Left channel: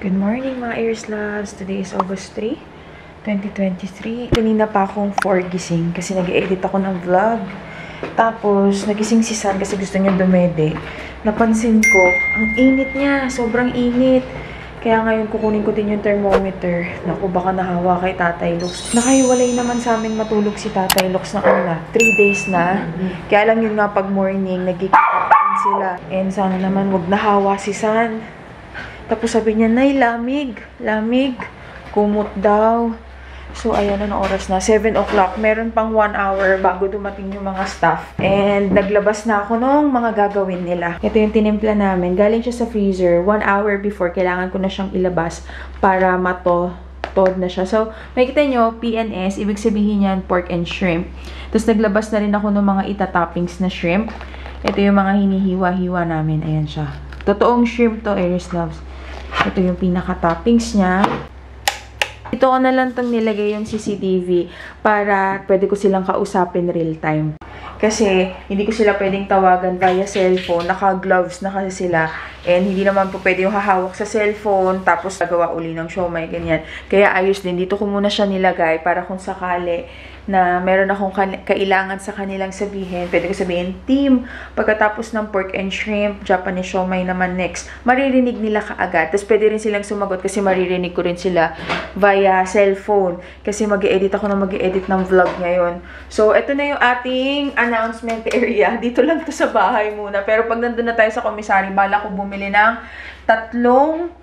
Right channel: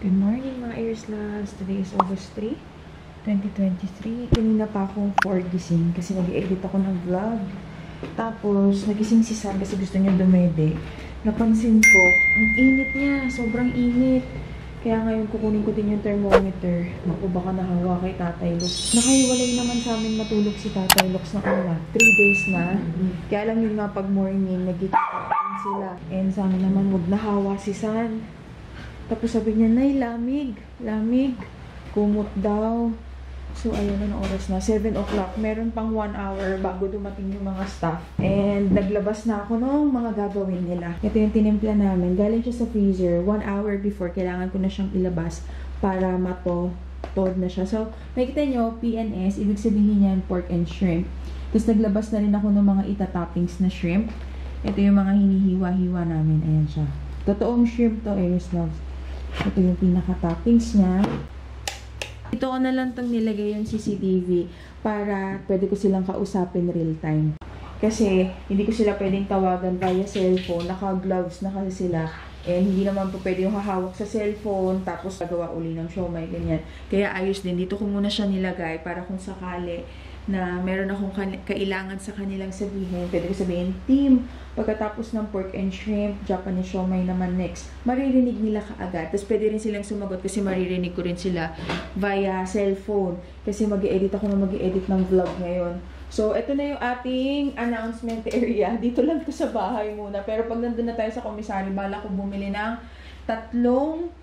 Good morning mga Aries Loves! Today is August 3, 2023. Kanina pa akong 4 gising kasi nag-edit ako ng vlog. Tapos, nagising si San kasi gusto niya dumede. Napansin ko, ang init niya. Sobrang init. Kaya ngayon kukunin ko din yung thermometer. Naku, baka nahawa kay Tatay Lux. Nakahiwalay naman sa amin matulog si Tatay Lux ng 3 days na. Kaya lang yun nga pag morning, nagkikita pa rin sila. And sana naman wag nahawa si San. Tapos sabi niya, Nay, lamig. Lamig. Kumot daw. So, ayan, anong oras na? 7 o'clock. Meron pang 1 hour bago dumating yung mga staff. And naglabas na ako nung mga gagawin nila. Ito yung tinimpla namin. Galing siya sa freezer. 1 hour before, kailangan ko na siyang ilabas para matod na siya. So, makikita nyo, PNS, ibig sabihin yan, pork and shrimp. Tapos, naglabas na rin ako ng mga itatoppings na shrimp. Ito yung mga hinihiwa-hiwa namin. Ayan siya. Totoong shrimp to, Aries Loves. Ito yung pinaka-toppings niya. Ito ko na lang itong nilagay yung CCTV para pwede ko silang kausapin real time. Kasi hindi ko sila pwedeng tawagan via cellphone. Naka-gloves na kasi sila. And hindi naman po pwede yung hahawak sa cellphone tapos nagawa uli ng siomai, ganyan. Kaya ayos din. Dito ko muna siya nilagay para kung sakali na meron akong kailangan sa kanilang sabihin. Pwede ko sabihin, team, pagkatapos ng pork and shrimp, Japanese siomai naman next. Maririnig nila kaagad. Tapos pwede rin silang sumagot kasi maririnig ko rin sila via cellphone. Kasi mag-e-edit ako na mag-e-edit ng vlog ngayon. So, ito na yung ating announcement area. Dito lang to sa bahay muna. Pero pag nandun na tayo sa commissary, bala ko bumili ng 3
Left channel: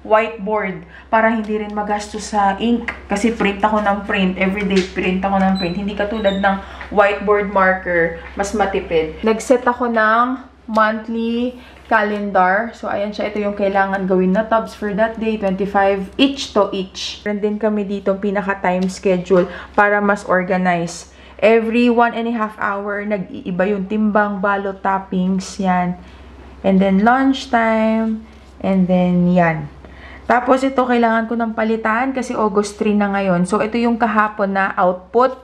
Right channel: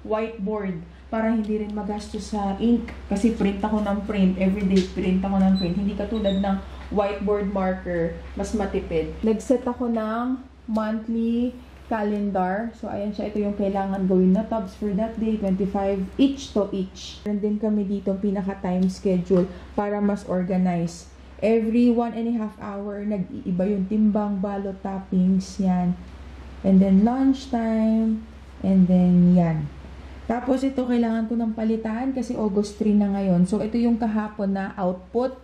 whiteboard para hindi rin magastos sa ink. Kasi print ako ng print. Everyday print ako ng print. Hindi katulad ng whiteboard marker. Mas matipid. Nag-set ako ng monthly calendar. So, ayan siya. Ito yung kailangan gawin na tabs for that day. 25 each to each. Meron din kami dito pinaka-time schedule para mas organize. Every 1.5 hour, nag-iiba yung timbang, balot, toppings, yan. And then, lunchtime. And then, yan. Tapos, ito, kailangan ko ng palitan kasi August 3 na ngayon. So, ito yung kahapon na output.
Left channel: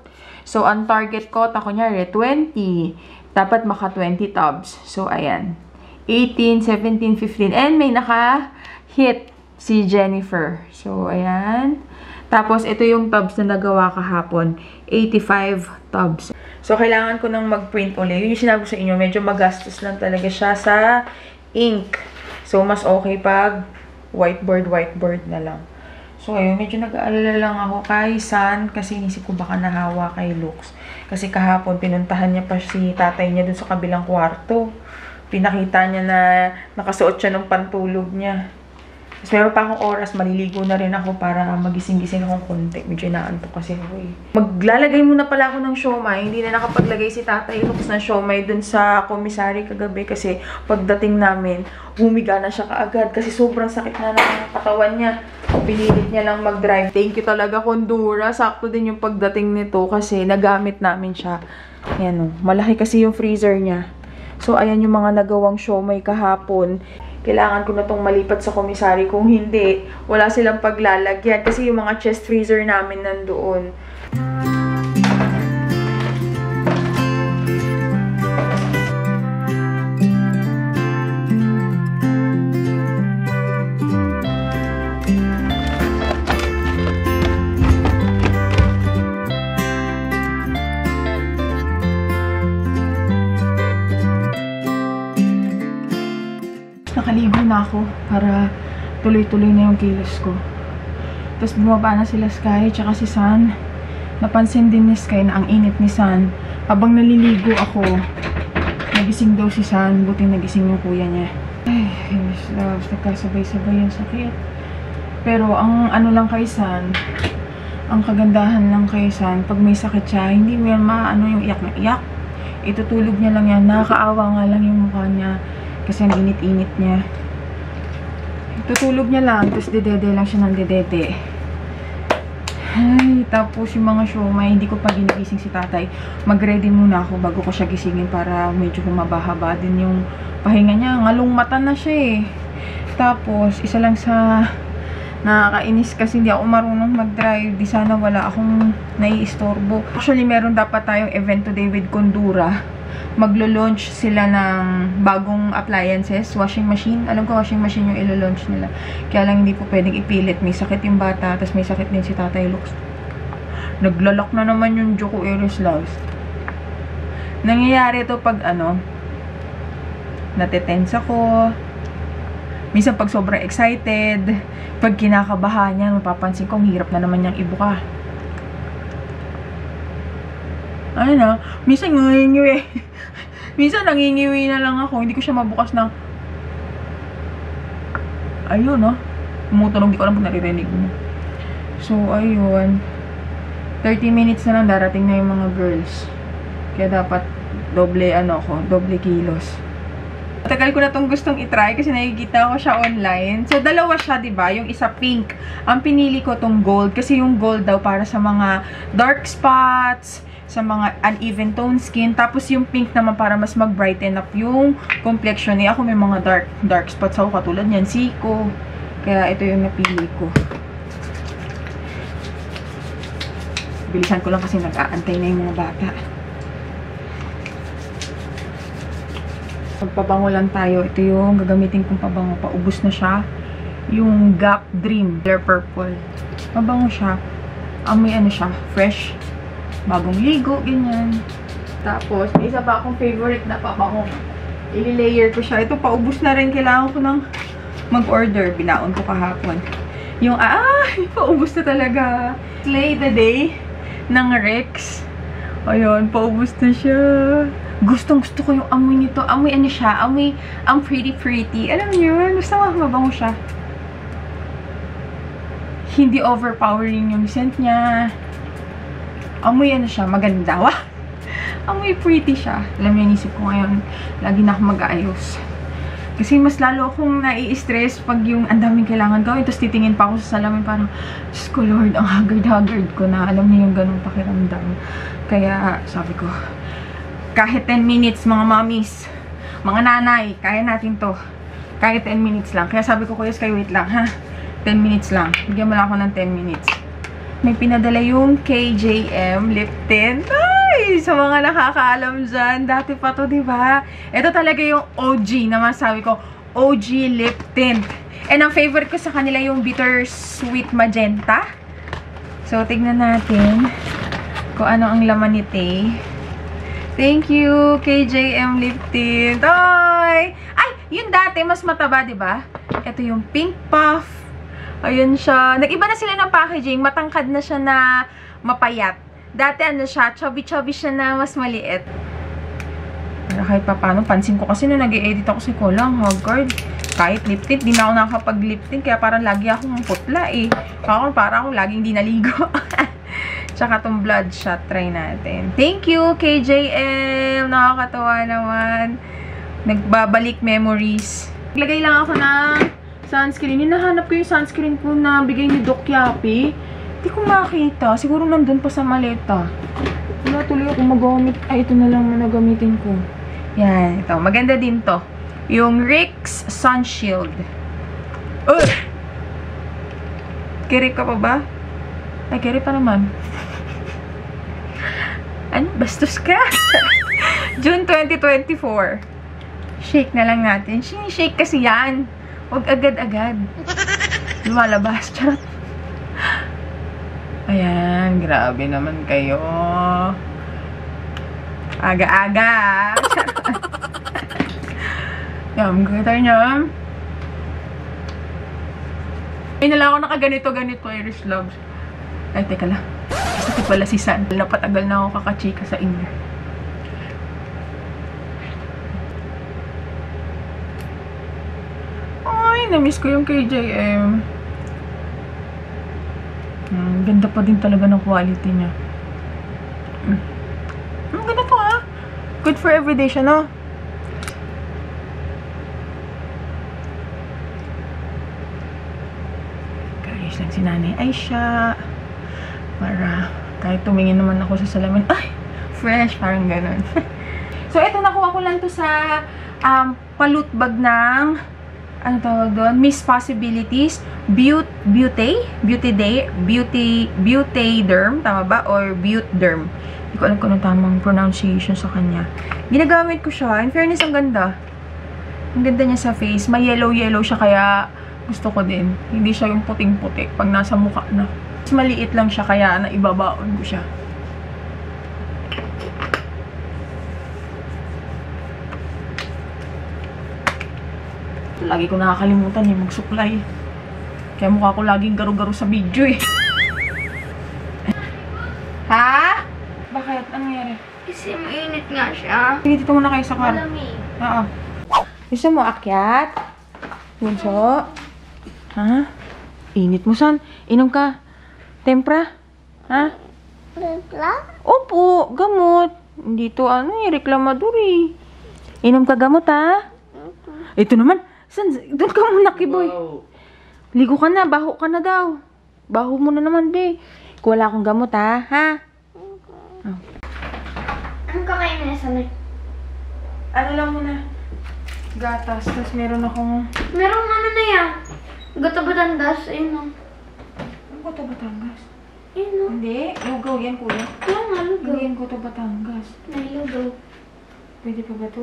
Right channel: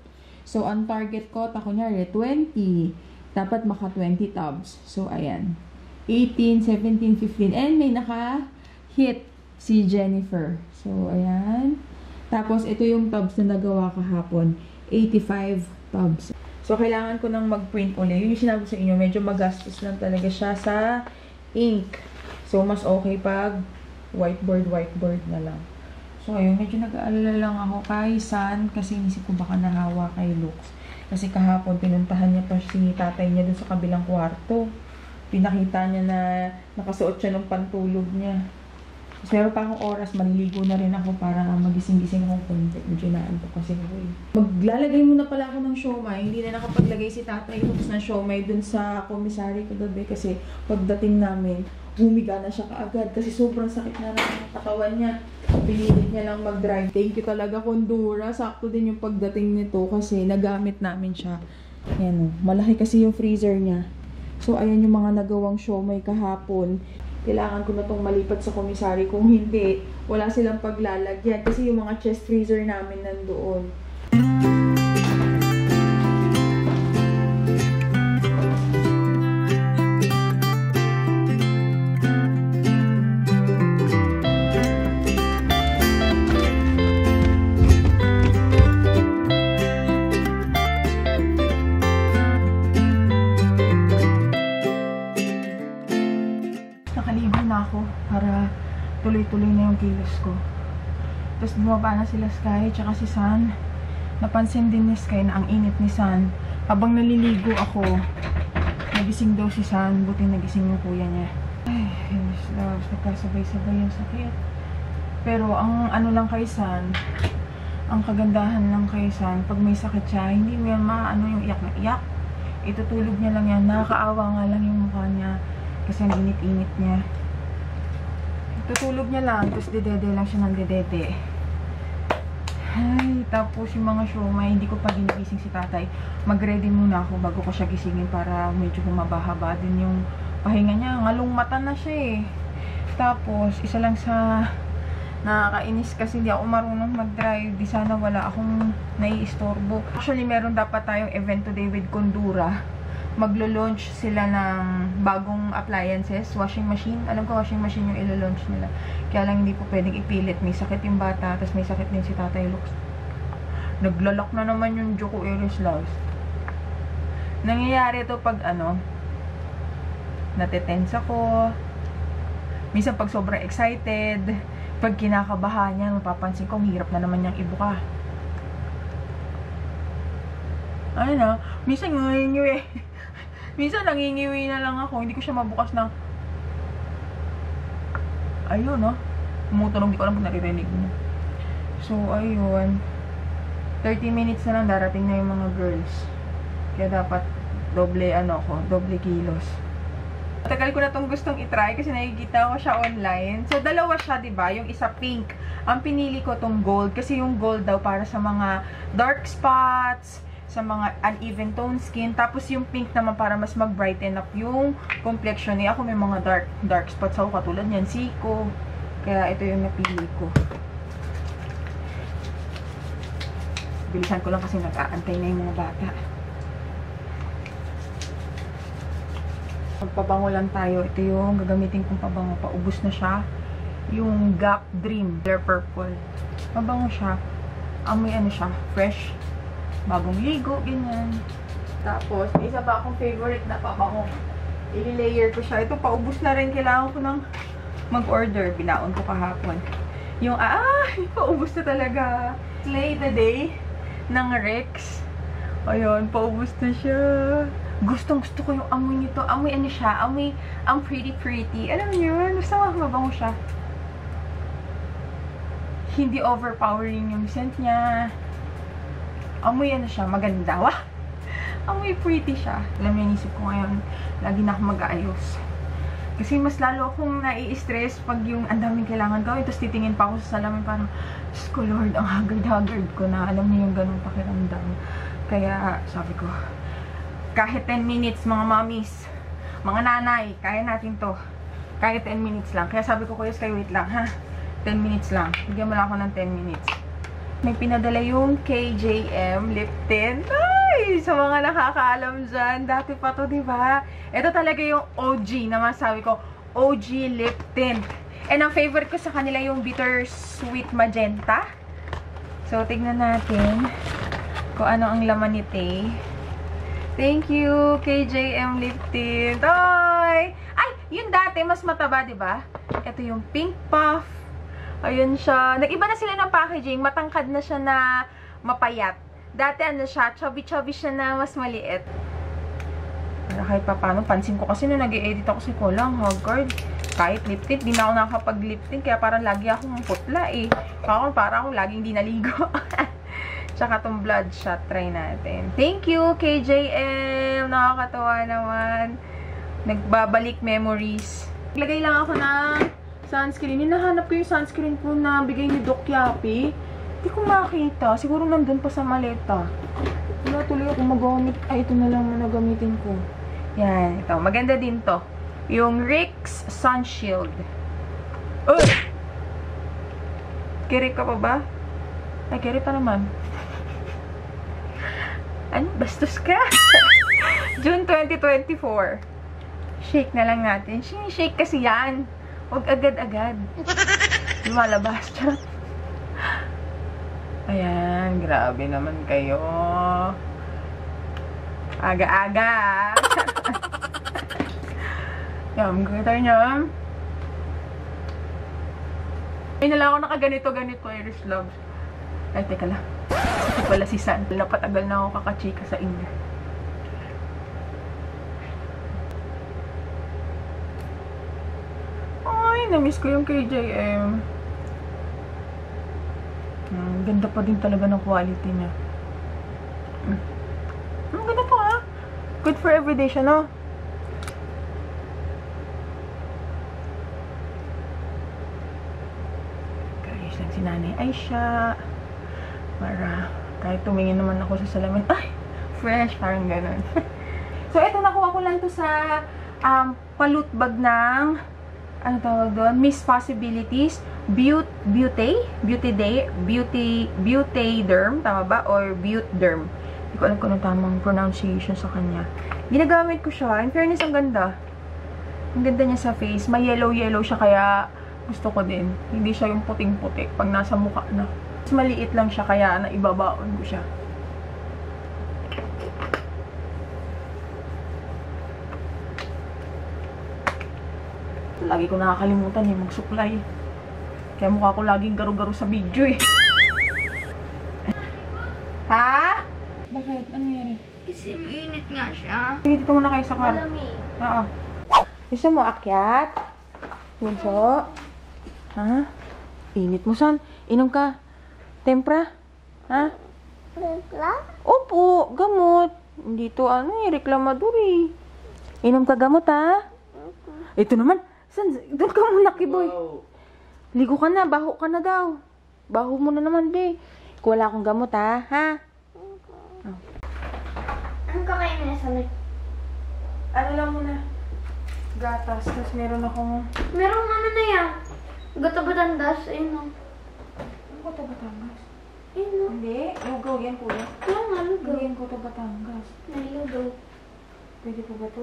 So, ang target ko, kunyari, 20. Dapat maka 20 tubs. So, ayan. 18, 17, 15. And may naka-hit si Jennifer. So, ayan. Tapos, ito yung tubs na nagawa kahapon. 85 tubs. So, kailangan ko nang mag-print ulit. Yun yung sinabi ko sa inyo. Medyo magastos lang talaga siya sa ink. So, mas okay pag whiteboard na lang. So, ayun, medyo nag-aalala lang ako kay San kasi inisip ko baka nahawa kay Lux. Kasi kahapon, pinuntahan niya pa si tatay niya dun sa kabilang kwarto. Pinakita niya na nakasuot siya ng pantulog niya. Tapos meron pa akong oras, maliligo na rin ako para magising-gising akong konti. Medyo inaantok kasi ako eh. Maglalagay muna pala ako ng siomai. Hindi na nakapaglagay si Tatay Lux ng siomai dun sa commissary kagabi kasi pagdating namin, humiga na siya kaagad kasi sobrang sakit na ng katawan niya. Pinilit niya lang mag-drive. Thank you talaga, Kondura. Sakto din yung pagdating nito kasi nagamit namin siya. Ayan o. Malaki kasi yung freezer niya. So, ayan yung mga nagawang siomai kahapon. Kailangan ko na itong malipat sa commissary. Kung hindi, wala silang paglalagyan. Kasi yung mga chest freezer namin nandoon. Nakaligo na ako para tuloy-tuloy na yung kilos ko. Tapos bumaba na sila Sky tsaka si San. Napansin din ni Sky na ang init ni San. Habang naliligo ako, nagising daw si San. Buti nagising yung kuya niya. Ay, Miss Loves, nagkasabay-sabay yung sakit. Pero ang ano lang kay San, ang kagandahan lang kay San, pag may sakit siya, hindi mo yan maano yung iyak na iyak. Itutulog niya lang yan. Nakakaawa nga lang yung mukha niya. Kasi ang init-init niya. Tutulog niya lang. Tapos dedede lang siya ng dedede. Ay, tapos yung mga siomai, hindi ko pa ginigising si tatay. Mag-ready muna ako bago ko siya gisingin para medyo humaba-haba din yung pahinga niya. Ngalong mata na siya eh. Tapos, isa lang sa nakakainis kasi hindi ako marunong mag-drive. Di sana wala akong naiistorbo. Actually, meron dapat tayong event today with Kondura. maglo-launch sila ng bagong appliances, washing machine. Alam ko washing machine yung ilo-launch nila. Kaya lang hindi po pwedeng ipilit. May sakit yung bata, tapos may sakit din si Tatay Lux. Naglalak na naman yung Joko Eris Loves. Nangyayari ito pag natetense ako. Minsan pag sobrang excited, pag kinakabahan niya, mapapansin ko, hirap na naman niyang ibuka. Minsan nangingiwi. Minsan nangingiwi na lang ako. Hindi ko siya mabukas ng ayun, tumutunog, di ko alam kung naririnig mo. So, ayun. 30 minutes na lang, darating na yung mga girls. Kaya dapat doble kilos. Tagal ko na itong gustong itry kasi nakikita ko siya online. So, dalawa siya, diba? Yung isa pink. Ang pinili ko tong gold kasi yung gold daw para sa mga dark spots, sa mga uneven tone skin. Tapos yung pink naman para mas mag-brighten up yung complexion niya. Ako may mga dark spots ako katulad niyan. Siko. Kaya ito yung napili ko. Bilisan ko lang kasi nag-aantay na yung mga bata. Magpabango lang tayo. Ito yung gagamitin kong pabango. Paubos na siya. Yung Gap Dream Color Purple. Mabango siya. Amoy siya. Fresh. Bagong ligo. Ganyan. Tapos, may isa pa akong favorite na pabango. I-layer ko siya. Ito, paubos na rin. Kailangan ko ng mag-order. Binaon ko kahapon. Yung, paubos na talaga. Slay the Day ng Rex. Ayun, paubos na siya. Gustong-gusto ko yung amoy nito. Amoy siya. Amoy, ang pretty. Alam niyo, gusto ko mabango siya. Hindi overpowering yung scent niya. Amoy siya, maganda. Wah! Amoy pretty siya. Alam niyo, inisip ko ngayon, lagi na ako mag-aayos. Kasi mas lalo akong nai-stress pag yung ang daming kailangan gawin. Tapos titingin pa ako sa salamin parang, Diyos ko Lord, ang haggard ko na. Alam niyo yung ganung pakiramdam. Kaya, sabi ko, kahit 10 minutes, mga mommies, mga nanay, kaya natin to. Kahit 10 minutes lang. Kaya sabi ko, Kuya Sky, wait lang, ha? 10 minutes lang. Bigyan mo lang ako ng 10 minutes. May pinadala yung KJM lip tint. Ay! Sa mga nakakaalam dyan, dati pa to, diba? Ito talaga yung OG na masabi ko, OG lip tint. And ang favorite ko sa kanila yung bittersweet magenta. So, tignan natin kung ano ang laman nito. Thank you, KJM lip tint. Ay! Ay! Yun dati, mas mataba, diba? Ito yung pink puff. Ayun siya. Nag-iba na sila ng packaging. Matangkad na siya na mapayat. Dati siya, chubby-chubby siya na mas maliit. Pero kahit pa paano, pansin ko kasi nung nag-i-edit ako si Kolang, haggard. Kahit lip tint, di na ako nakakapag-lip tint. Kaya parang lagi akong putla eh. Parang ako laging di naligo. Tsaka itong bloodshot, try natin. Thank you, KJM! Nakakatawa naman. Nagbabalik memories. Naglagay lang ako ng sunscreen. Hinahanap ko yung sunscreen ko na bigay ni Doc Yapi. Hindi ko makita. Siguro nandun pa sa maleta. Wala tuloy ako magamit. Ay, ito na lang na nagamitin ko. Yan, ito. Maganda din to. Yung Rix Sun Shield. Kiri ka pa ba? Ay, kiri pa naman. Ano? Bastos ka? June 2024. Shake na lang natin. Shake kasi yan. Huwag agad-agad. Lumalabas. Charot. Ayan. Grabe naman kayo. Aga-aga. Yum. Gata niya. May nala ako nakaganito-ganito. Irish Loves. Ay, teka lang. Ito pala si San. Napatagal na ako kakachika sa inyo. Ay, na-miss ko yung KJM. Ganda pa din talaga ng quality niya. Ganda to ha. Good for everyday siya, no? Guys, lang si Nanay Aisha. Para kahit tumingin naman ako sa salamin, ay, fresh, parang ganun. So, ito nakuha ko lang to sa palute bag ng ano tawag doon? Miss Possibilities, Beautyderm, tama ba? Or Beautyderm. Hindi ko alam kung anong tamang pronunciation sa kanya. Ginagamit ko siya. In fairness, ang ganda. Ang ganda niya sa face. May yellow-yellow siya, kaya gusto ko din. Hindi siya yung puting-puti pag nasa mukha na. Mas maliit lang siya, kaya naibabaon ko siya. Lagi ko nakakalimutan eh, mag-supply. Kaya mukha ko laging garo-garo sa video eh. Ha? Bakit? Anong nangyari? Kasi mainit nga siya. Sige, dito muna kayo sa car. Malamig. Oo. Gusto mo akyat? Bunso? Ha? Init mo, san? Inom ka? Tempra? Ha? Templa? Opo, gamot. Dito, reklamador eh. Inom ka gamot, ha? Ito naman. San? Doon ka muna, Kiboy. Ligo ka na, baho ka na daw. Baho mo na naman, be. Kung wala akong gamot, ha? Ha? Oh. Anong kakain na sa may? Ano lang muna? Gatas. Tapos meron akong... Merong ano na yan. Gata-Batangas. Ayun o. Ano ko ito, Batangas? Ayun o. Hindi. Lugaw yan, kuya. Kaya nga, lugaw. Hindi yan ko ito, Batangas. Nalugaw. Pwede pa ba ito?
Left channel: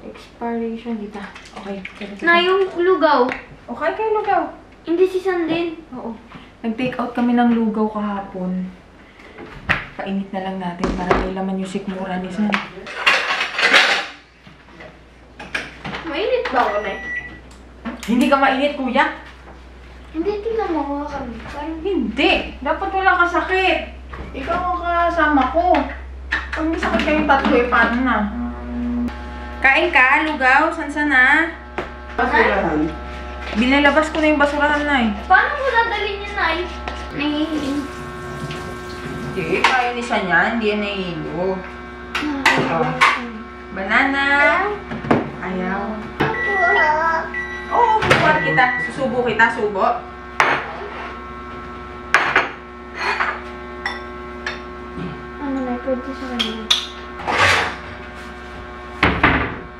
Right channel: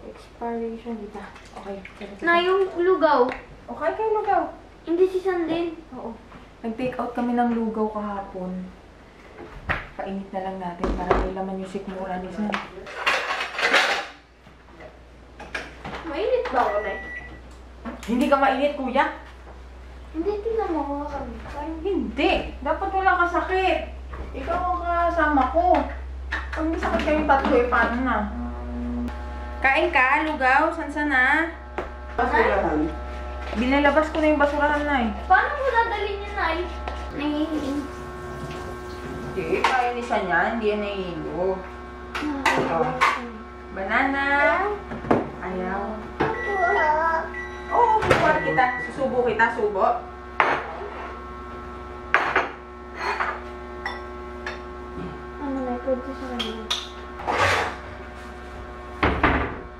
Expiration dito. Okay. Na yung lugaw. Okay kayo, lugaw. Hindi si Sandin. Oo. Nag-take out kami ng lugaw kahapon. Painit na lang natin para may laman yung sikmura ni San. Mainit ba ako na? Hindi ka mainit, kuya? Hindi, tingnan mo kami. Parang Hindi. Dapat wala ka sakit. Ikaw ang kasama ko. Pag may sakit kayong tatlo, paano na? Kain ka, lugaw. San na? Basurahan. Binalabas ko na yung basurahan na eh. paano mo dadalhin yun, Nay? Nahihiling. Hindi, kaya ni San yan. Hindi yan nahihilo. Banana. Ayaw. Oo, buwan kita. Susubo kita, subo. Ano na, pwede sa kanila.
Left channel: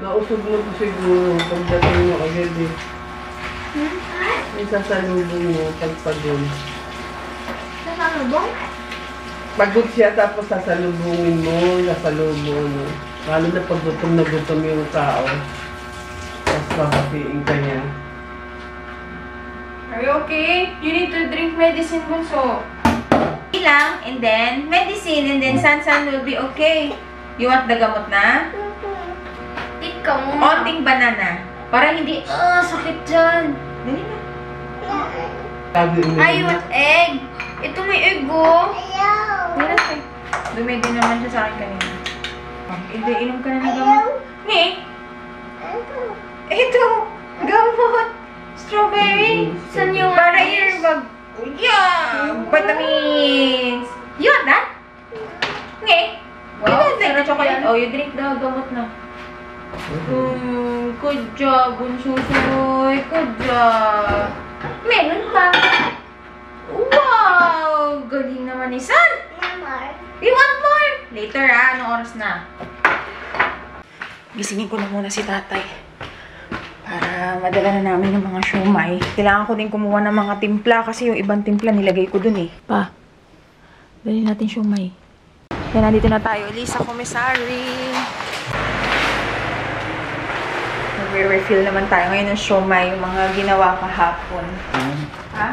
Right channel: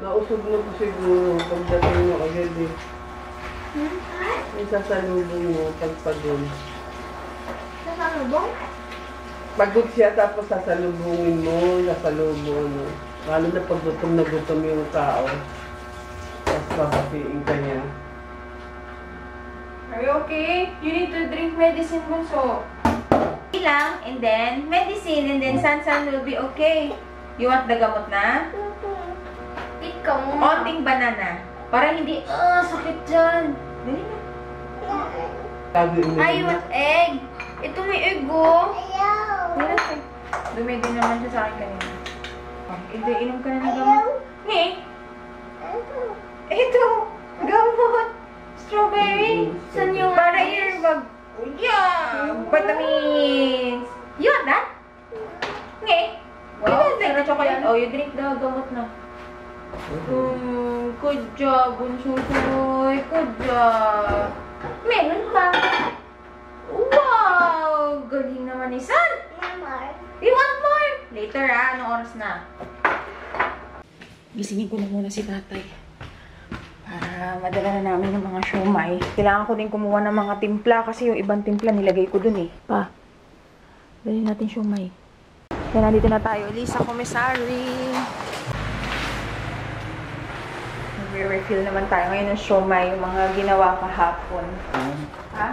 Nausog mo po siguro pagdating mo agad eh. May sasalubong mo pagpagod. Sa salubong? Pagod siya tapos sasalubungin mo, sasalubong mo. Lalo na pag gutom na gutom yung tao. Tapos papatiin ka niya. Are you okay? You need to drink medicine, Bunso. Lang, and then medicine, and then San will be okay. You want the gamot na? Ikaw muna. Onting banana. Para hindi, sakit dyan. Dali na. Sabi mo I want egg. Ito may egg, oh. Wala siya. Dumedi naman siya sa akin kanina. Hindi, inom ka na ng gamot. Ni? Ito. Gamot. Strawberry. Saan yung Para ice? earbag. Yeah! Vitamins. You want that? Nge? Wow. Sarap chocolate. Oh, you drink the gamot na. Good job, Bunsusoy. Good job. Meron pa. Wow! Galing naman ni San. You want more? Later anong oras na? Gisingin ko na muna si tatay. Para madala na namin yung mga siomay. Kailangan ko din kumuha ng mga timpla kasi yung ibang timpla nilagay ko dun eh. Pa, dali natin siomay. Yan, nandito na tayo. Lisa Commissary. Nagre-refill naman tayo ngayon ng siomay, yung mga ginawa kahapon. Ha?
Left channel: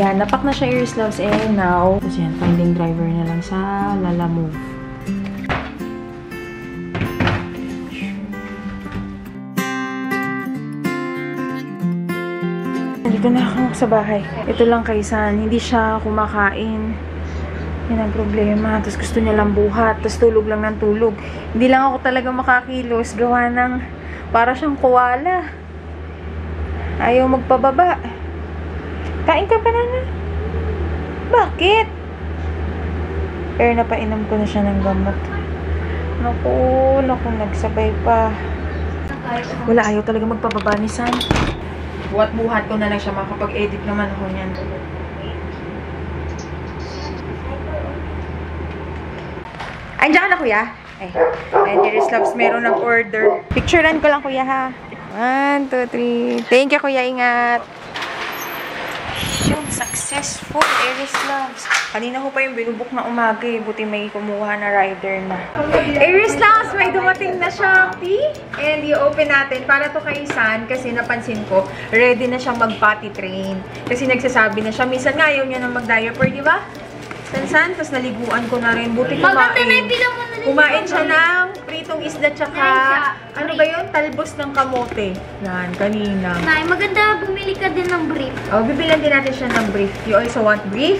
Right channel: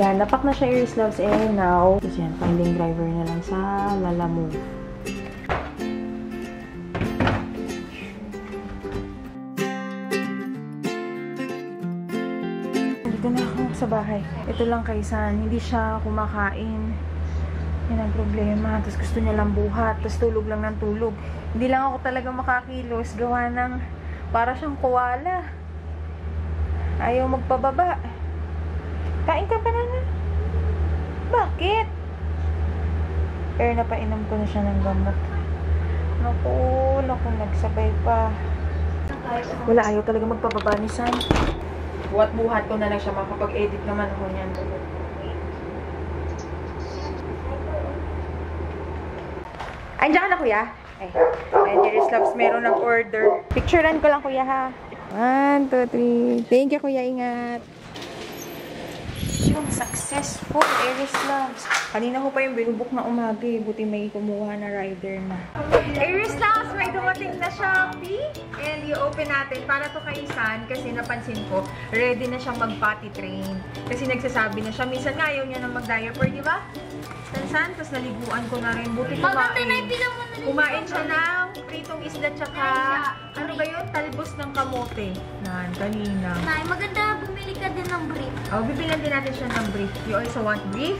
Yan, napak na siya earslobs now. Tapos yan, finding driver na lang sa Lalamove. Nandito na ako sa bahay. Ito lang kay San, hindi siya kumakain. Yan ang problema. Tapos gusto niya lang buhat. Tapos tulog lang ng tulog. Hindi lang ako talaga makakilos. Gawa ng para siyang koala. Ayaw magpababa. Kain ka pa na nga. Bakit? Pero napainom ko na siya ng gamot. Naku, nagsabay pa. Wala, ayaw talaga magpababa ni San. Buhat-buhat ko na lang siya. Makapag-edit naman ako niyan. Andiyan ka na, kuya? Ay, dearest loves, meron ng order. Picturean ko lang, kuya, ha? 1, 2, 3. Thank you, kuya. Ingat. Yung successful, dearest loves. Kanina ko pa yung binubok na umaga, eh. Buti may kumuha na rider na. Dearest loves, may dumating na Shopee. And i-open natin para to kay San kasi napansin ko, ready na siyang mag-potty train. Kasi nagsasabi na siya. Minsan nga ayaw niya na mag-diaper, di ba? San, tapos naliguan ko na rin. Buti kumain siya ng pritong isda tsaka, ano ba yun? Talbos ng kamote. Yan, kanina. Nay, maganda bumili ka din ng brief. Oh, bibilan din natin siya ng brief. You also want brief?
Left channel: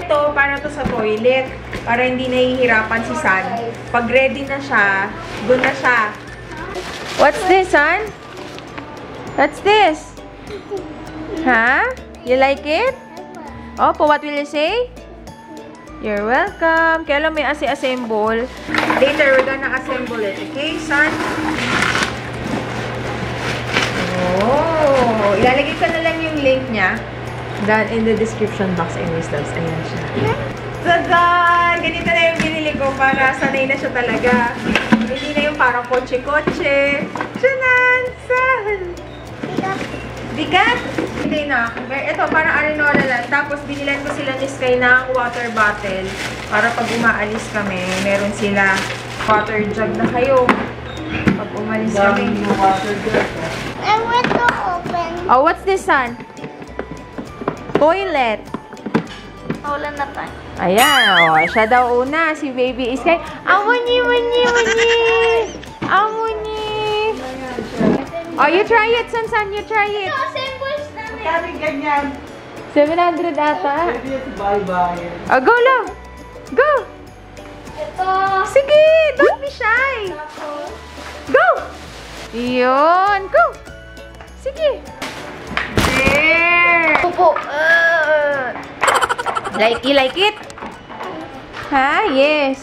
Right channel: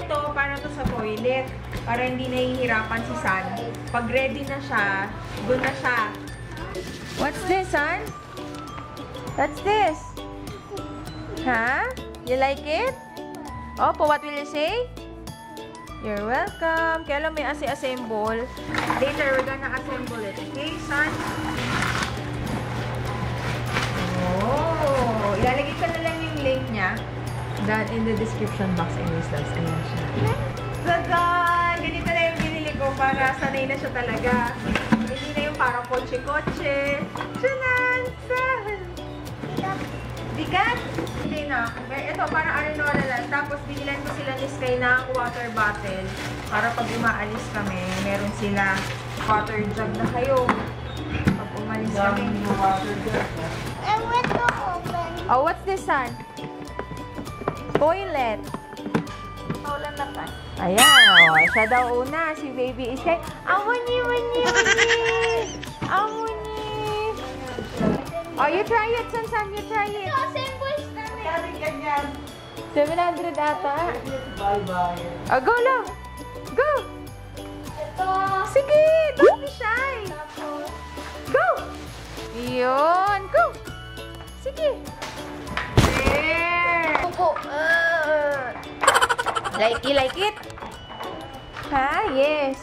Ito, para to sa toilet. Para hindi nahihirapan si San. Pag ready na siya, doon na siya. What's this, San? What's this? Huh? You like it? Oh, what will you say? You're welcome. Kaya lang may assemble. Later, we're gonna assemble it. Okay, San? Oh! Ilalagay ko na lang yung link niya. Down in the description box. Anyways, loves. Ayan siya. Tadan! Ganito na yung binili ko para sanay na siya talaga. Hindi na yung parang kotse-kotse. Shanan! San! Bigat? Hindi na. Ito, parang Arinora lang. Tapos, binilan ko sila ni Sky ng water bottle. Para pag umaalis kami, meron sila water jug na kayo. Pag umalis kami. I want to open. Oh, what's this, Son? Toilet. Ulan na tayo. Ayan, oh. Siya daw una. Si baby is like, Amuni. Oh, you try it, San. You try it. Ganyan. 700 ata. Bye-bye. Oh, go, love. Go. Ito. Sige, don't be shy. Go. Yun, go. Sige. There. Pupo. You like it? Ha? Yes.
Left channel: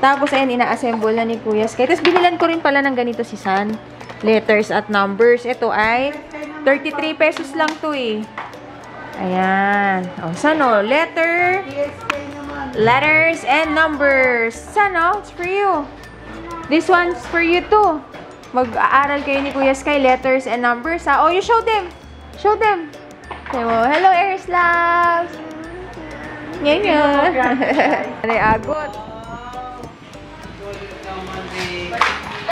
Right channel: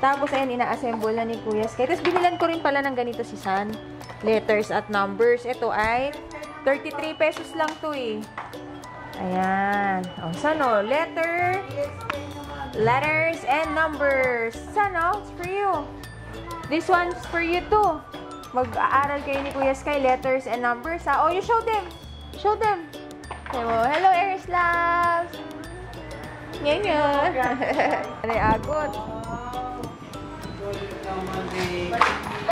Tapos, ayan, ina-assemble na ni Kuya Sky. Tapos, binilan ko rin pala ng ganito si San. Letters at numbers. Ito ay 33 pesos lang to eh. Ayan. O, saan o? Letters and numbers. Saan o? It's for you. This one's for you too. Mag-aaral kayo ni Kuya Sky. Letters and numbers ha. Oh, you show them. Show them. So, hello, Airslav. Yan. Aray, agot.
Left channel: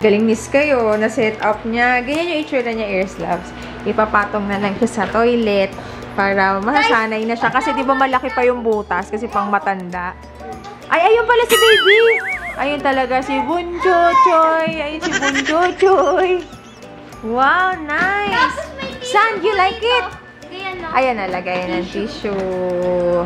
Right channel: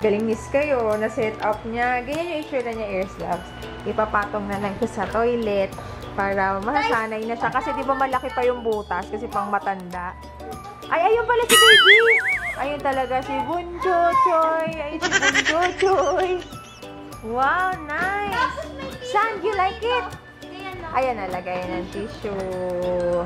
Galing miss kayo, na-set up niya. Ganyan yung itsura niya, Airslavs. Ipapatong na lang siya sa toilet para masasanay na siya. Kasi di ba malaki pa yung butas kasi pang matanda. Ay, ayun pala si baby! Ayun talaga si Bunchochoy. Ayun si Bunchochoy. Wow, nice! San, you like it? Ayan, nalagay ng tissue.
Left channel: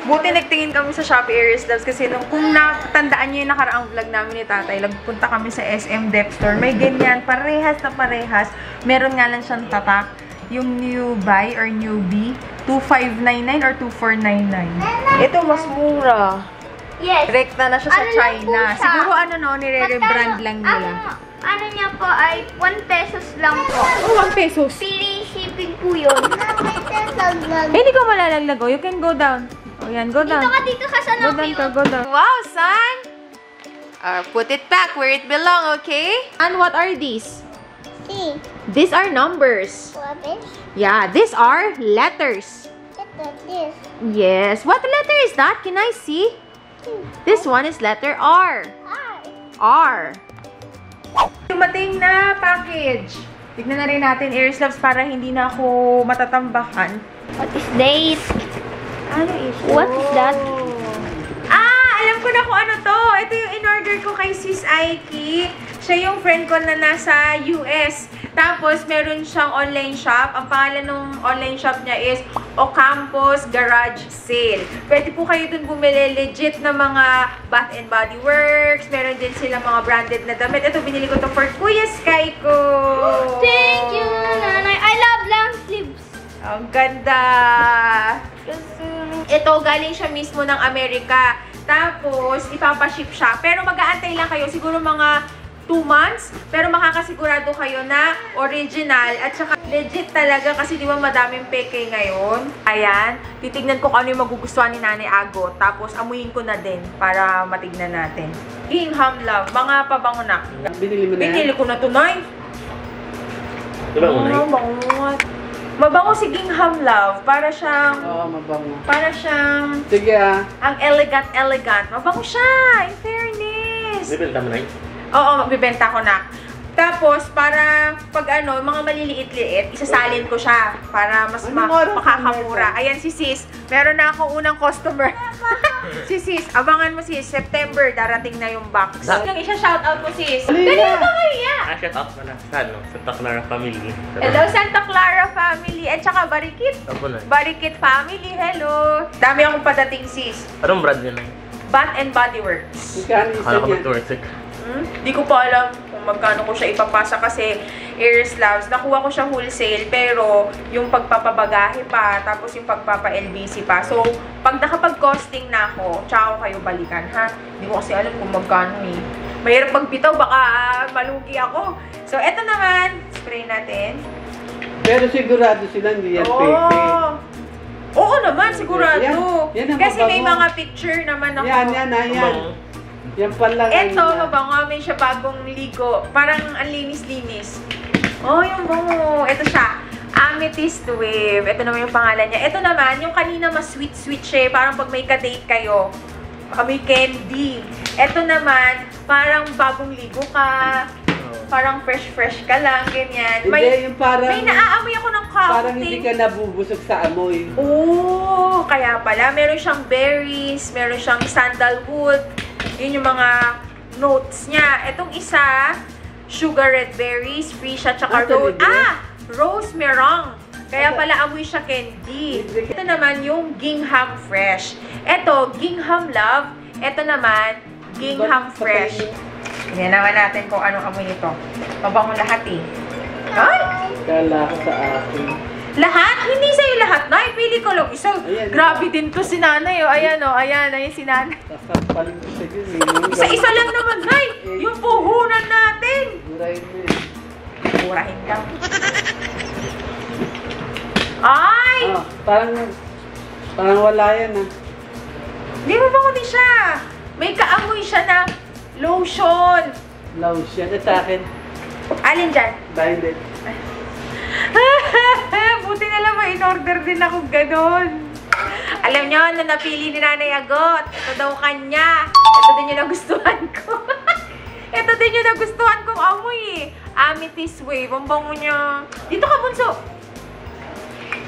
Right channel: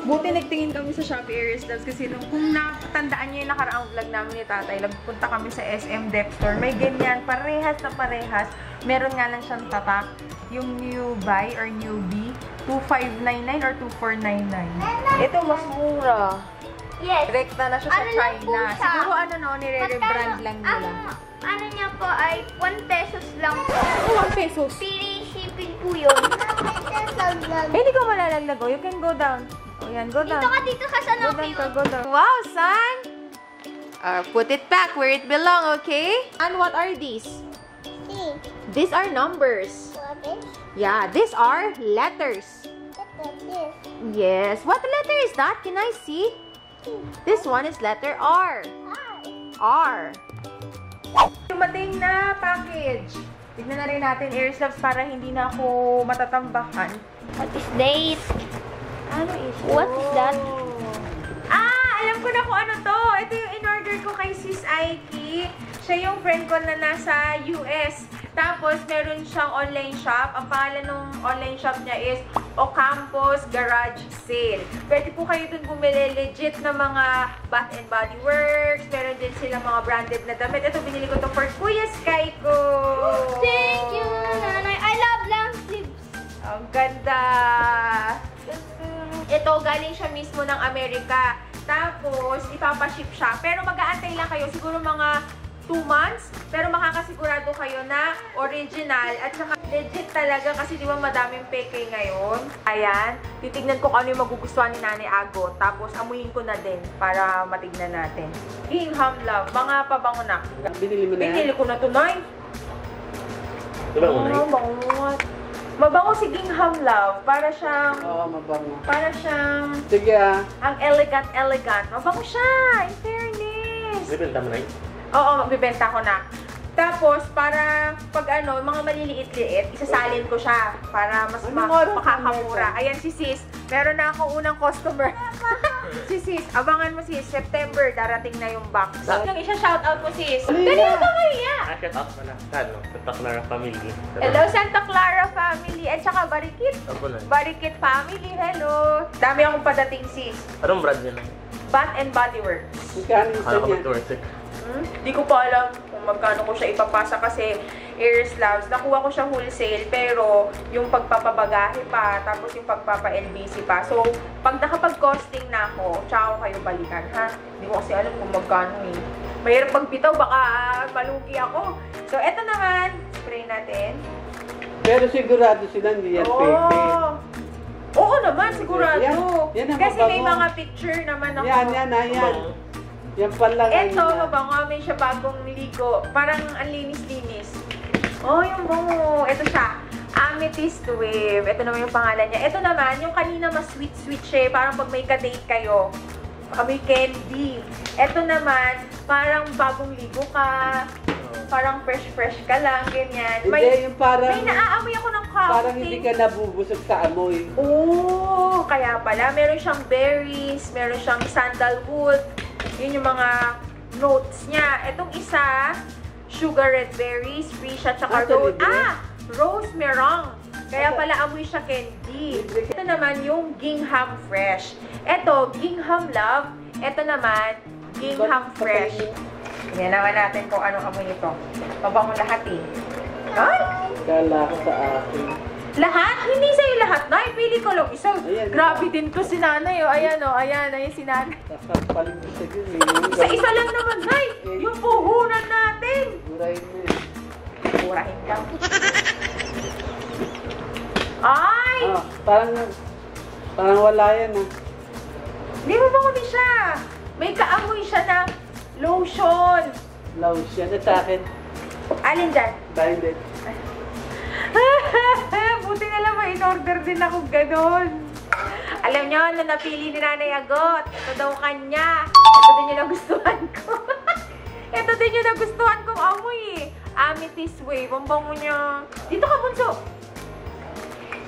Buti nagtingin kami sa Shopee Airslaves kasi kung natandaan nyo yung nakaraang vlog namin ni tatay, nagpunta kami sa SM Dep Store. May ganyan, parehas na parehas. Meron nga lang siyang tatak. Yung new buy or newbie, 2,599 or 2,499. Ito, mas mura. Yes. Rekta na siya sa China. Siguro nire-rebrand lang nila. Ano niya po ay 1 pesos lang po. 1 pesos? Free shipping po yun. Hindi ko malalaglag. You can go down. O yan, go down. Dito ka sa lobby. Go down. Wow, San! Put it back where it belong, okay? And what are these? These are numbers. Yeah, these are letters. Yes. What letter is that? Can I see? This one is letter R. R. Dumating na package. Tignan na rin natin, Airslaves, para hindi na ako matatambakan. What is that? Ano ito? What is that? Alam ko na kung ano to. Ito yung in-order ko kay Sis Aiki. Siya yung friend ko na nasa US. Tapos, meron siyang online shop. Ang pangalan ng online shop niya is Ocampos Garage Sale. Pwede po kayo dun bumili legit na mga Bath and Body Works. Meron din sila mga branded na damit. Ito, binili ko to for Kuya Sky ko. Thank you, Nanay. I love Ang ganda! Ito, galing siya mismo ng Amerika. Tapos, ipapaship siya. Pero mag-aantay lang kayo. Siguro mga 2 months. Pero makakasigurado kayo na original. At saka legit talaga kasi di ba madaming peke ngayon. Ayan. Titignan ko kung ano yung magugustuhan ni Nanay Agot. Tapos, amuyin ko na din para matignan natin. Gingham Love. Mga pabango na. Binili mo na yan? Binili ko na to, Nay. Diba ko na Mabango. Mabango si Gingham Love. Para siyang... Oo, mabango. Para siyang... Sige ah. Ang elegant. Mabango siya. In fairness. Bibenta mo na Oo, magbibenta ko na. Tapos, para pag ano, mga maliliit-liit, isasalin ko siya para mas makakamura. Ayan si Sis. Meron na akong unang customer. Si Sis, abangan mo sis. September, darating na yung box. Yung isa-shoutout mo sis. Dali mo kaya! Shout out ko na sa Santa Clara family. Hello, Santa Clara family. At saka Barikit. Apo na. Barikit family, hello. Dami akong padating sis. Anong brand yun? Bath and Body Works. Magkano isa Akala ko niya? mag-worth it. Di ko pa alam kung magkano ko siya ipapasa kasi Air Slavs. Nakuha ko siya wholesale pero yung pagpapabagahe pa tapos yung pagpapa-LBC pa. So, pag nakapag-costing na ako, tsaka ko kayo balikan ha. Hindi ko kasi alam kung magkano eh. Mahirap magbitaw, baka malugi ako. So, eto naman. Spray natin. Pero sigurado sila hindi yan fake. Oo naman, sigurado. Yan ang Kasi may mabango. mga picture naman ako. Yan. Yan pala. Eto, mabango. May siya bagong ligo. Parang ang linis-linis. Oh, yung bango. Ito siya. Amethyst Wave. Ito naman yung pangalan niya. Ito naman, yung kanina mas sweet-sweet siya. Parang pag may ka-date kayo. May candy. Ito naman, parang bagong ligo ka. Parang fresh ka lang, ganyan. Hindi, yung parang... May naaamoy ako ng coffee. Parang hindi ka nabubusog sa amoy. Oh, kaya pala. Meron siyang berries, meron siyang sandalwood. Yun yung mga notes niya. Itong isa, sugar red berries, free siya, tsaka rose merong. Kaya pala amoy siya candy. Ito naman yung Gingham Fresh. Ito, Gingham Love. Ito naman, Gingham Fresh. Tingnan naman natin kung anong amoy nito. Mabango lahat eh. Ay! Kala ko sa akin. Lahat? Hindi sa'yo lahat, Nay. Pili ko lang isa. Ayan, Grabe din to si Nanay. Oh. Ayan, oh. Ayan si Nanay. Sasampalin ko sa yun eh. Isa-isa lang naman, Nay. Yung puhunan natin. Murahin mo eh. Murahin ka. Ay! Ah, parang wala yan ah. Hindi mo ba din siya? May kaamoy siya na lotion. Lotion na sa akin. Alin dyan? Violet. Buti na lang in-order din ako ganon. Alam nyo, ano napili ni Nanay Agot? Ito daw kanya. Ito din yung nagustuhan ko. Ito din yung nagustuhan kong amoy eh. Amethyst Wave. Ang bango niya. Dito ka, Bunso.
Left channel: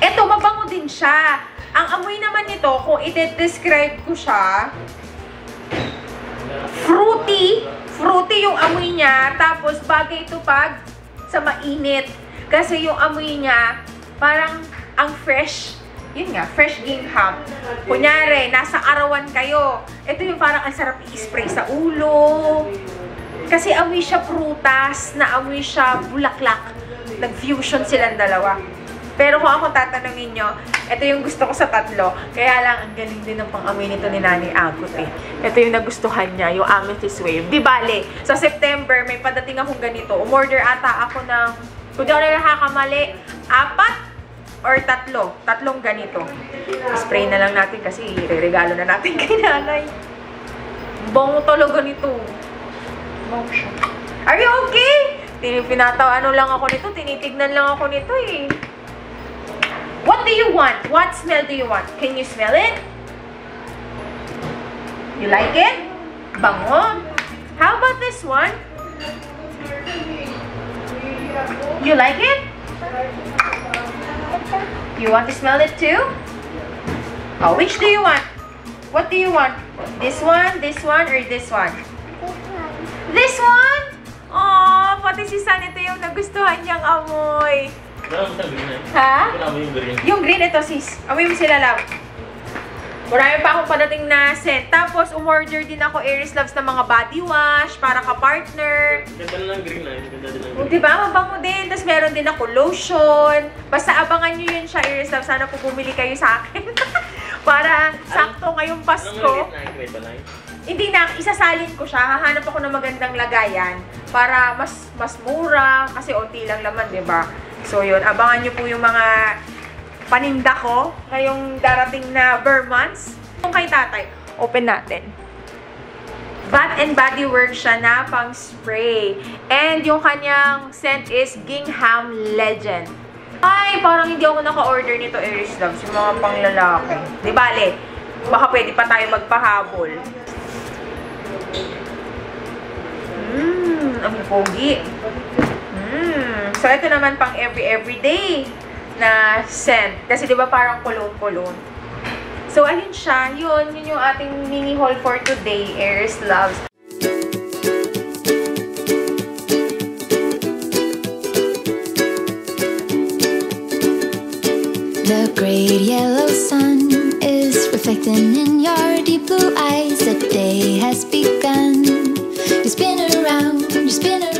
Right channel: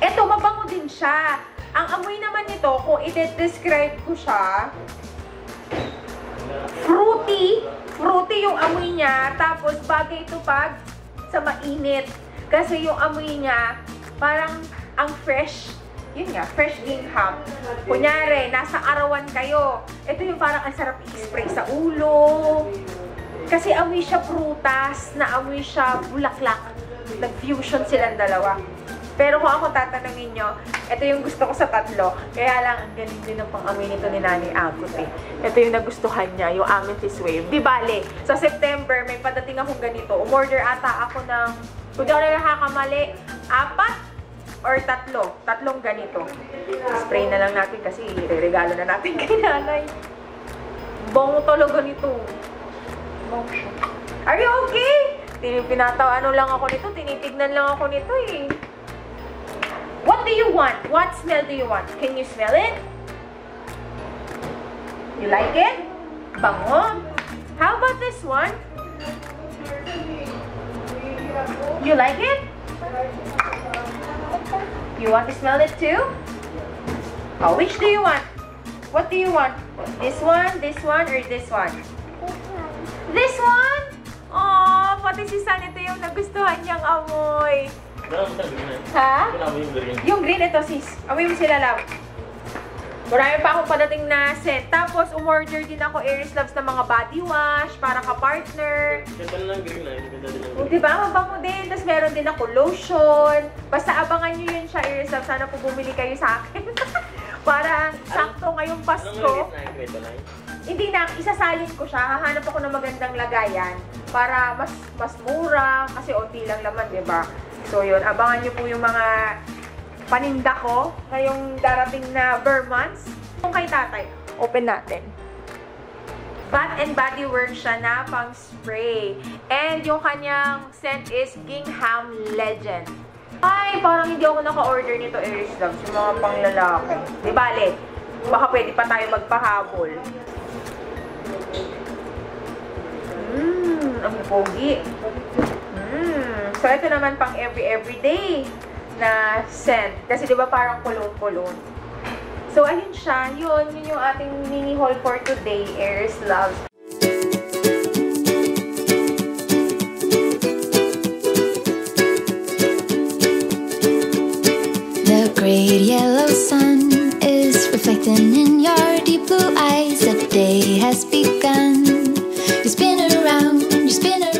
Ito, mabango din siya. Ang amoy naman nito, kung i-describe ko siya, fruity. Fruity yung amoy niya. Tapos, bagay ito pag sa mainit. Kasi yung amoy niya, parang ang fresh. Yun nga, fresh gingham. Kunyari, nasa arawan kayo. Ito yung parang ang sarap i-spray sa ulo. Kasi amoy siya prutas, na amoy siya bulaklak. Nag-fusion silang dalawa. Pero kung ako tatanungin nyo, ito yung gusto ko sa tatlo. Kaya lang, ang galing din ng pang-amoy nito ni Nanay Agot eh. Ito yung nagustuhan niya, yung Amethyst Wave. Di bale, sa September, may padating akong ganito. Umorder ata ako ng, kung di ako nakakamali, 4 or 3. Tatlong ganito. Spray na lang natin kasi re-regalo na natin kay Nanay. Bongo talaga nito. Bongo siya. Are you okay? Ano lang ako nito, tinitignan lang ako nito eh. What do you want? What smell do you want? Can you smell it? You like it? Bango. How about this one? You like it? You want to smell it too? Oh, which do you want? What do you want? This one, or this one? This one? Oh, pati si San ito yung nagustuhan niyang amoy. Wala mo sa green eh. Ha? Wala mo yung green. Yung green ito sis. Amoy mo sila lang. Marami pa akong padating na scent. Tapos, umorder din ako Aries Loves na mga body wash para ka-partner. Ganda na ng green na. Ganda din ng O, green. diba? Mabango din. Tapos, meron din ako lotion. Basta abangan nyo yun siya, Aries Loves. Sana po bumili kayo sa akin. Para sakto ngayong Anong Pasko. maliit na? Hindi na, isasalin ko siya. Hahanap ako ng magandang lagayan para mas mura kasi onti lang laman, 'di ba? So 'yun, abangan niyo po yung mga paninda ko ngayong darating na Vermonths. Kung kay tatay, open natin. Bath and Body Works siya na pang spray. And yung kanyang scent is Gingham Legend. Ay, parang hindi ako naka-order nito, Aries Loves. Yung mga panglalaki. Di bale, baka pwede pa tayo magpahabol. Ang pogi. So, ito naman pang everyday na scent. Kasi di ba parang cologne-cologne. So, alin siya? Yun yung ating mini haul for today, Aries Loves. The great yellow sun is reflecting in your deep blue eyes. The day has begun. You spin around, you spin around.